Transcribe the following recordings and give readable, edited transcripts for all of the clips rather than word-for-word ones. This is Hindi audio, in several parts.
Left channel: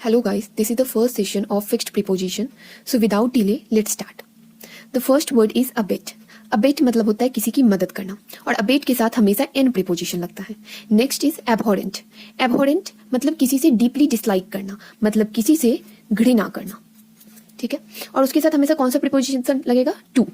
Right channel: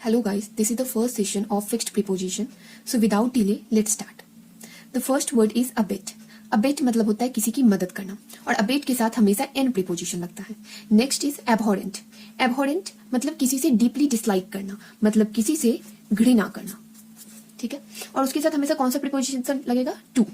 Hello guys, this is the first session of fixed preposition. So without delay, let's start. The first word is abet. Abet मतलब होता है किसी की मदद करना और abet के साथ हमेशा n preposition लगता है. Next is abhorrent. Abhorrent मतलब किसी से deeply dislike करना, मतलब किसी से घृणा करना. ठीक है, और उसके साथ हमेशा कौन सा preposition लगेगा? to.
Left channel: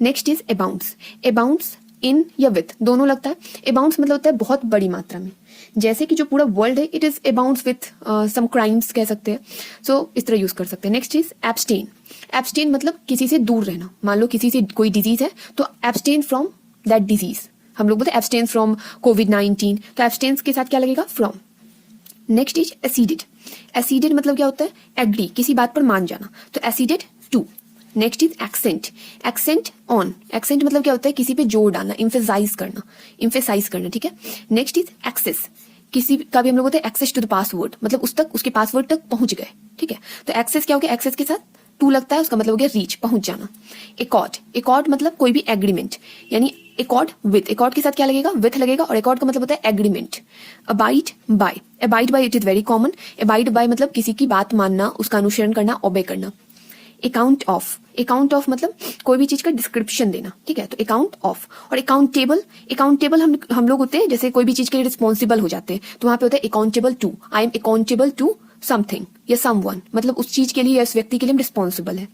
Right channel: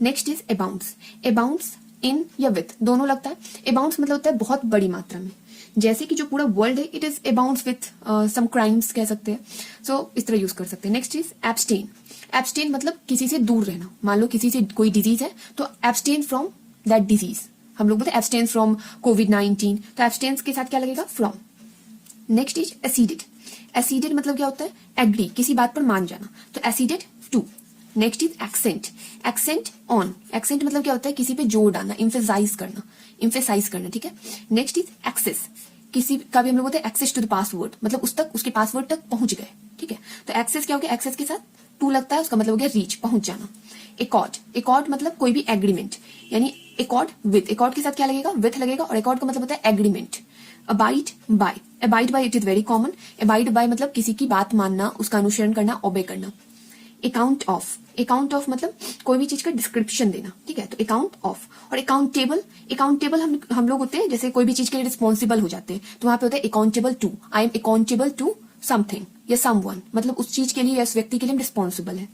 Next is abounds. Abounds इन या विथ दोनों लगता है. अबाउंड्स मतलब होता है बहुत बड़ी मात्रा में, जैसे कि जो पूरा वर्ल्ड है it is abounds with some crimes कह सकते हैं. सो इस तरह यूज कर सकते हैं. Next is abstain. एब्सटेन मतलब किसी से दूर रहना. मान लो किसी से कोई डिजीज है तो एब्सटेन फ्रॉम दैट डिजीज. हम लोग बोलते हैं एब्सटेन फ्रॉम कोविड-19, तो एब्सटेन के साथ क्या लगेगा? From. Next is acceded. Acceded मतलब क्या होता है? एग्री, किसी बात पर मान जाना, तो acceded to. Next is accent. Accent on. Accent मतलब क्या होता है? किसी पे जोर डालना, इम्फेसाइज करना, इम्फेसाइज करना. ठीक है. Next is access. किसी का भी हम लोग बोलते हैं एक्सेस टू द पासवर्ड, मतलब उस तक, उसके पासवर्ड तक पहुंच गए. ठीक है, तो एक्सेस क्या हो गया? एक्सेस के साथ टू लगता है, उसका मतलब हो गया रीच, पहुंच जाना. एकॉर्ड. एकॉर्ड मतलब कोई भी एग्रीमेंट, यानी एकॉर्ड विथ. एकॉर्ड के साथ क्या लगेगा? विथ लगेगा, और एकॉर्ड का मतलब होता है agreement. Abide by. Abide by it is very common. Abide by मतलब किसी की बात मानना, उसका अनुसरण करना, ओबे करना. Account of. अकाउंट ऑफ मतलब कोई भी चीज का डिस्क्रिप्शन देना. ठीक है, तो अकाउंट ऑफ. और अकाउंटेबल. अकाउंटेबल हम लोग होते हैं जैसे कोई भी चीज के लिए रिस्पॉन्सिबल हो जाते हैं, तो वहां पे होता है accountable to. I am accountable to something या समवन, मतलब उस चीज के लिए या उस व्यक्ति के लिए रिस्पॉन्सिबल है.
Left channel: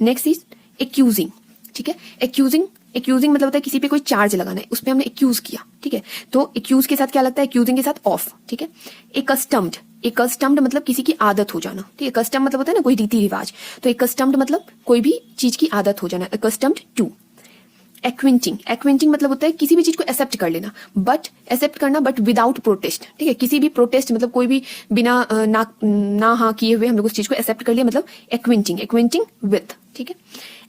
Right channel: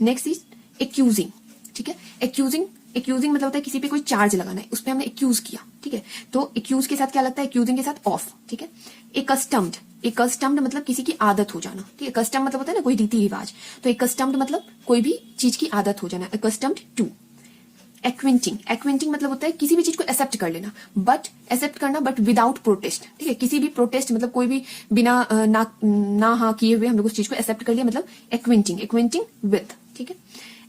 Next is accusing. ठीक है, एक्यूजिंग. एक्यूजिंग मतलब होता है किसी पे कोई चार्ज लगाना है, उस पर हमने एक्यूज किया. ठीक है, तो एक्यूज के साथ क्या लगता है? एक्यूजिंग के साथ ऑफ. ठीक है. एकस्टम्ड. एकस्टम्ड मतलब किसी की आदत हो जाना. ठीक है, कस्टम मतलब होता है ना कोई रीति रिवाज, तो एकस्टम्ड मतलब कोई भी चीज की आदत हो जाना. Accustomed to. एक्विंटिंग. एक्विंटिंग मतलब होता है किसी भी चीज को एक्सेप्ट कर लेना, बट एक्सेप्ट करना बट विदाउट प्रोटेस्ट. ठीक है, किसी भी प्रोटेस्ट मतलब कोई भी बिना ना हाँ किए हुए हम लोग उस चीज को एक्सेप्ट कर लिया, मतलब एक्विंटिंग. एक्विंटिंग विथ. ठीक है.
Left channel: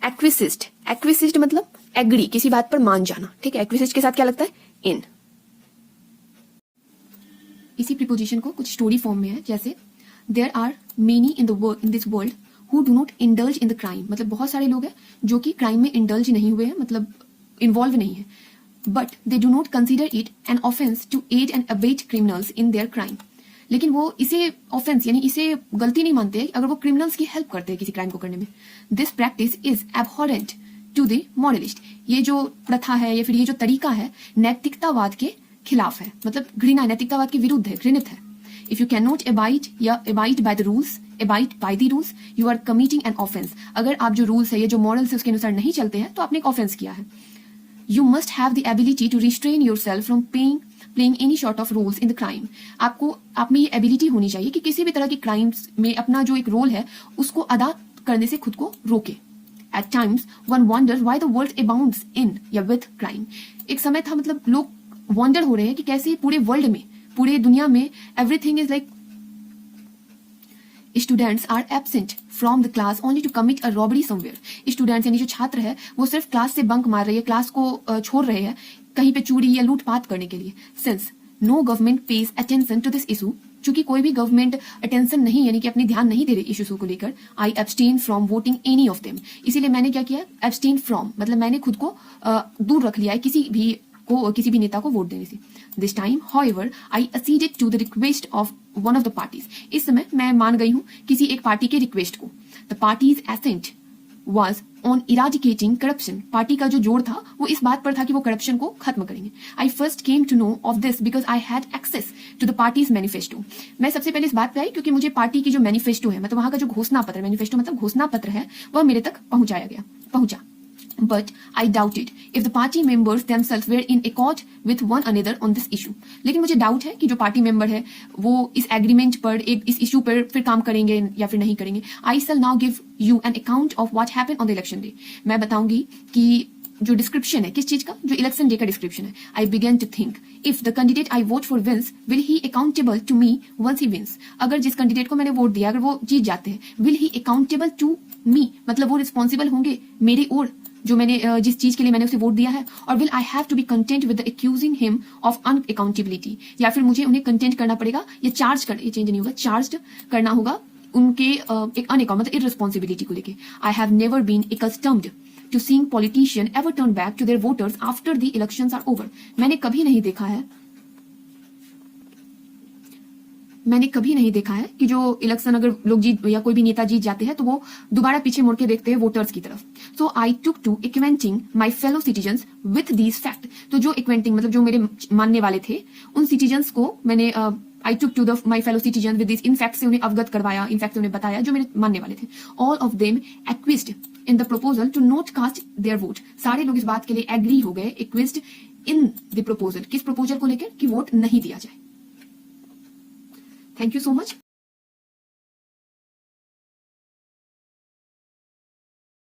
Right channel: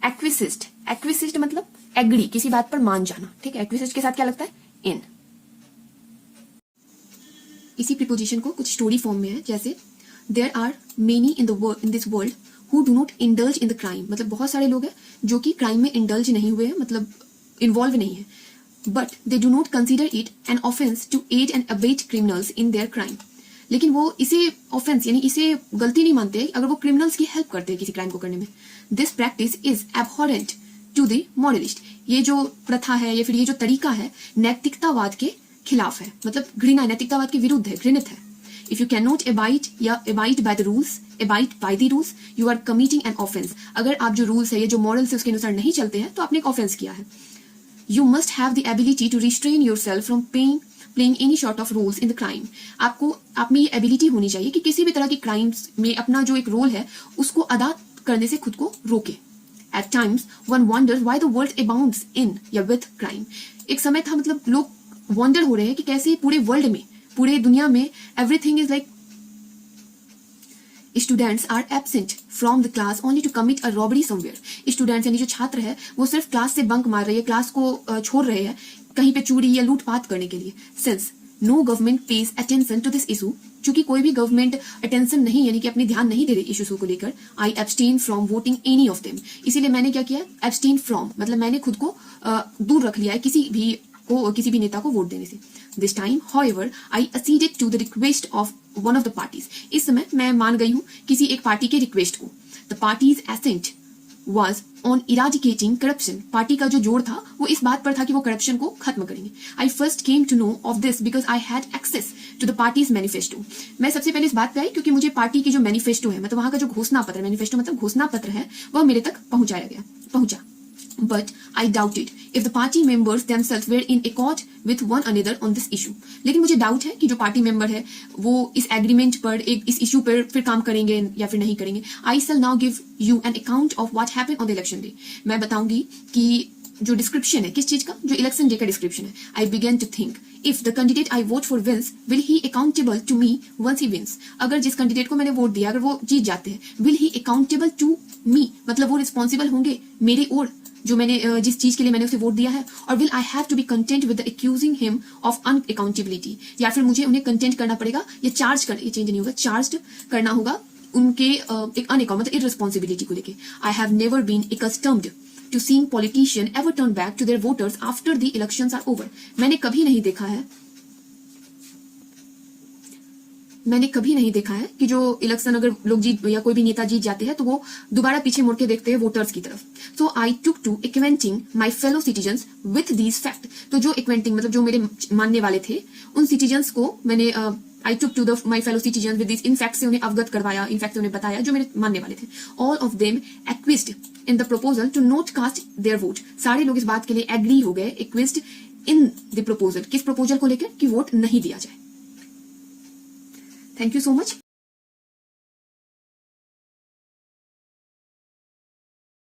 एक्विसिस्ट. एक्विसिस्ट मतलब एग्री, किसी बात पर मान जाना. ठीक है, एक्विसिस्ट के साथ क्या लगता है? इन. इसी प्रीपोजिशन को कुछ स्टोरी फॉर्म में है, जैसे there are many in this world who do not indulge in the crime. मतलब बहुत सारे लोग हैं जो कि क्राइम में इंडल्ज नहीं हुए हैं, मतलब इन्वॉल्व नहीं है, but they do not consider it an offence to aid and abet criminals in their crime. लेकिन वो इसे ऑफेंस यानी इसे गलती नहीं मानते अगर वो क्रिमिनल्स की हेल्प करते हैं किसी क्राइम को करने में. This practice is abhorrent to the moralist. ये जो प्रथा है या फिर ये जो तरीका है नैतिकतावाद के खिलाफ है, मतलब घृणा, नैतिकतावाद के विरुद्ध है, घृणित है. If you can not abide या abide by the rules, abide by the rules, you are committing an offence. अगर आप जो रूल्स है, ये जो मॉरल्स है उसके अनुसार नहीं चलते हैं तो आपने एक ऑफेंस किया है. You must have the ability to restrain yourself from playing any sort of roles in the crime. आपको आप में ये एबिलिटी होनी चाहिए कि किसी भी तरह की क्राइम्स में अपना जो एक रोल है उसको अदा करने से खुद को रोके. At times one wonders why the world abounds in या with crime. एक समय था, मतलब लोग वंडर हो रहे हैं कि कैसे पूरे वर्ल्ड में, पूरे दुनिया में everything is like students are absent from the class only to commit a robbery somewhere. Students यानी जो छात्र है वो सिर्फ क्लास से बंक मार रहे हैं, क्लास को छोड़ रहे हैं कहीं पे चोरी या लूटपाट करने के लिए. Since no government pays attention to this issue, चूंकि कोई भी गवर्नमेंट अटेंशन नहीं यानी कि अपनी ध्यान नहीं दे रही इश्यूज को लेकर, I abstain from voting any of them. इसीलिए मैंने क्या किया? एब्सटेन फ्रॉम मतलब मैंने खुद को दूर रख लिया है किसी भी नेता को वोट देने से. This time however I acceded to the request of one of the parties. इस समय मैं मान गई हूँ किसी एक पार्टी के रिक्वेस्ट को. The party's accent was on eradicating corruption. Party का जो जोर था वो इस बात पर था कि वो करप्शन को खत्म करेंगे. I first came to know of this because I had access to the party's manifesto. मैं सबसे पहले इस बात पे आई क्योंकि मुझे पार्टी की जो मैनिफेस्टो है, मतलब वहां का जो घोषणा पत्र, मैनिफेस्टो मतलब घोषणा पत्र है, वह मेरे तक पहुंचा. But I doubted if the party members themselves were in accord with one another on this issue. लेकिन मुझे डाउट है कि जो पार्टी मेंबर है वो इस एग्रीमेंट पर, इस इशू पर फिर काम करेंगे या फिर नहीं करेंगे. I shall now give you an account of what happened on the election day. मैं बताऊंगी कि जो डिस्क्रिप्शन है किस चीज का, जो इलेक्शन डे का डिस्क्रिप्शन है. I began to think if the candidate I vote for wins, will he accountable to me once he wins. अगर जिस कैंडिडेट को मैंने वोट दिया अगर वो जीत जाते हैं, will he accountable to me मतलब वो रिस्पॉन्सिबल होंगे मेरी ओर जो मैंने जिस चीज के लिए मैंने उसे वोट दिया है. और will I have to be content with accusing him of unaccountability, या फिर मुझे उन्हें कंटेंट करना पड़ेगा या चार्ज करना, ये चेंज नहीं होगा, चार्ज करना होगा उनके एक अनअकाउंट मतलब इररिस्पॉन्सिबिलिटी को लेके. I have never been accustomed to seeing politician ever turn back to their voters after the elections are over. मैंने कभी नहीं देखा है मैंने कभी नहीं देखा है कि जो इलेक्शन अगर लोग जीत या कोई भी नेता जीत जाते हैं तो वो दोबारा पीछे मुड़ के देखते हैं वोटर्स की तरफ. So I took to acquainting my fellow citizens with these fact. तो जो एक्वेंटिंग मतलब जो मेरे मानने वाले थे उन सिटीजन्स को मैंने I took to my fellow citizen with this, इन फैक्ट से उन्हें अवगत करवाया, इन फैक्ट से उन्हें बताया जो मेरे मानने वाले थे. All of them acquiesced in the proposal to not cast their vote. सारे लोग इस बात के लिए एग्री हो गए, एक्विस्ड इन द प्रपोजल, किस प्रपोजल को लेकर कि वोट नहीं दिया जाए. Thank you so much.